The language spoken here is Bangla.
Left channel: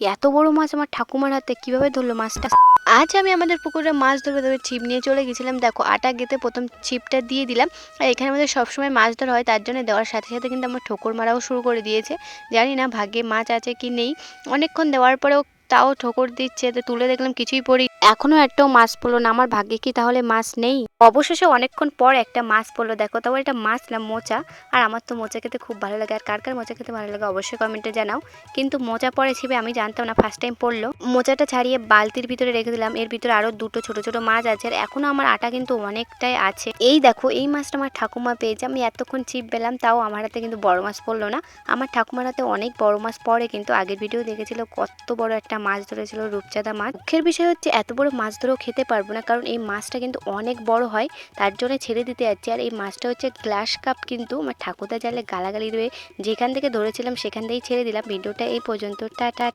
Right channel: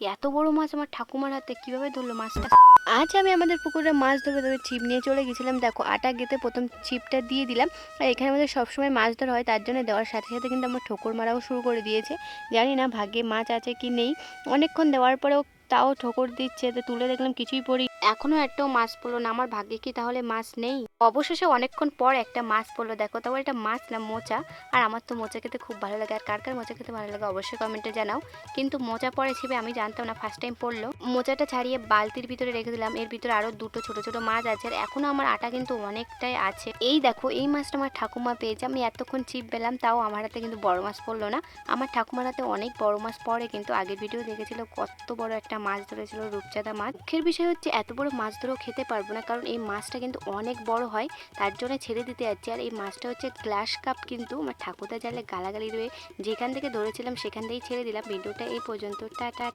এত বড় মাছ আমার ঠাকুমার হাতে কিভাবে ধরলো মাছটা। আজ আমি আমাদের পুকুরে মাছ ধরবো তবে ছিপ নিয়ে চলে গেছিলাম। দেখো আটা গেঁথে প্রথম ছিপটা দিয়ে দিলাম। আর এখানে আমাদের সবসময় মাছ ধরা হয়, তার জন্য দেওয়ার সাথে সাথে কিন্তু আমার ঠোকর মারাও শুরু করে দিয়েছে। জানি না ভাগ্যে মাছ আছে কি নেই, অনেকক্ষণ দেওয়ার পরেও তাও ঠোকর দিচ্ছে। তো তুলে দেখলাম কিছুই পড়ি, এখনো একটাও মাছ পড়লো না। আমার ভাগ্যে কি তাহলে মাছ নেই? অবশেষে অনেকক্ষণ পর একটা মাছ পড়লো। দেখো তাও এটা মাছ না, মোচা। আর আমার তো মোচা খেতে খুব ভালো লাগে। আর কার কার মোচা খেতে ভালো লাগে অবশ্যই কমেন্টে জানাও। কিন্তু মোচা পড়ে ছিপে আমি জানতাম না, ফার্স্ট টাইম পড়লো। মোচাটা ছাড়িয়ে বালতির ভিতরে রেখে দিলাম। এর ভিতরে আরো দুটো ছোট ছোট মাছ আছে, আর এখনো আমার আটা কিন্তু অনেকটাই আছে। এই দেখো এই মাছটা আমার ঠাকুমা পেয়েছে। আমি এতক্ষণ ছিপ পেলাম, তাও আমার হাতে কিন্তু বড় মাছ পড়লো না। আমার ঠাকুমার হাতে অনেক বড় মাছ পড়ে, কিন্তু আগের ভিডিও দেখেছিল কত বড় একটা মাছ ধরেছিল, রূপচাঁদা মাছ। দুঃখের বিষয় হচ্ছে এত বড় মাছ ধরেও খেতে পারবো না, কারণ এই মাছটা কিন্তু অনেক বড় হয়, তার জন্য ছেড়ে দিতে যাচ্ছি। আর এই মাছটা হচ্ছে গ্লাস কাপ, কিন্তু আমার ঠাকুরদা জালে গালাগালি রয়ে যেখান থেকে ধরেছিলাম সেখান থেকেই ছেড়ে দিলাম। ভিডিওটা এই পর্যন্ত, টাটা।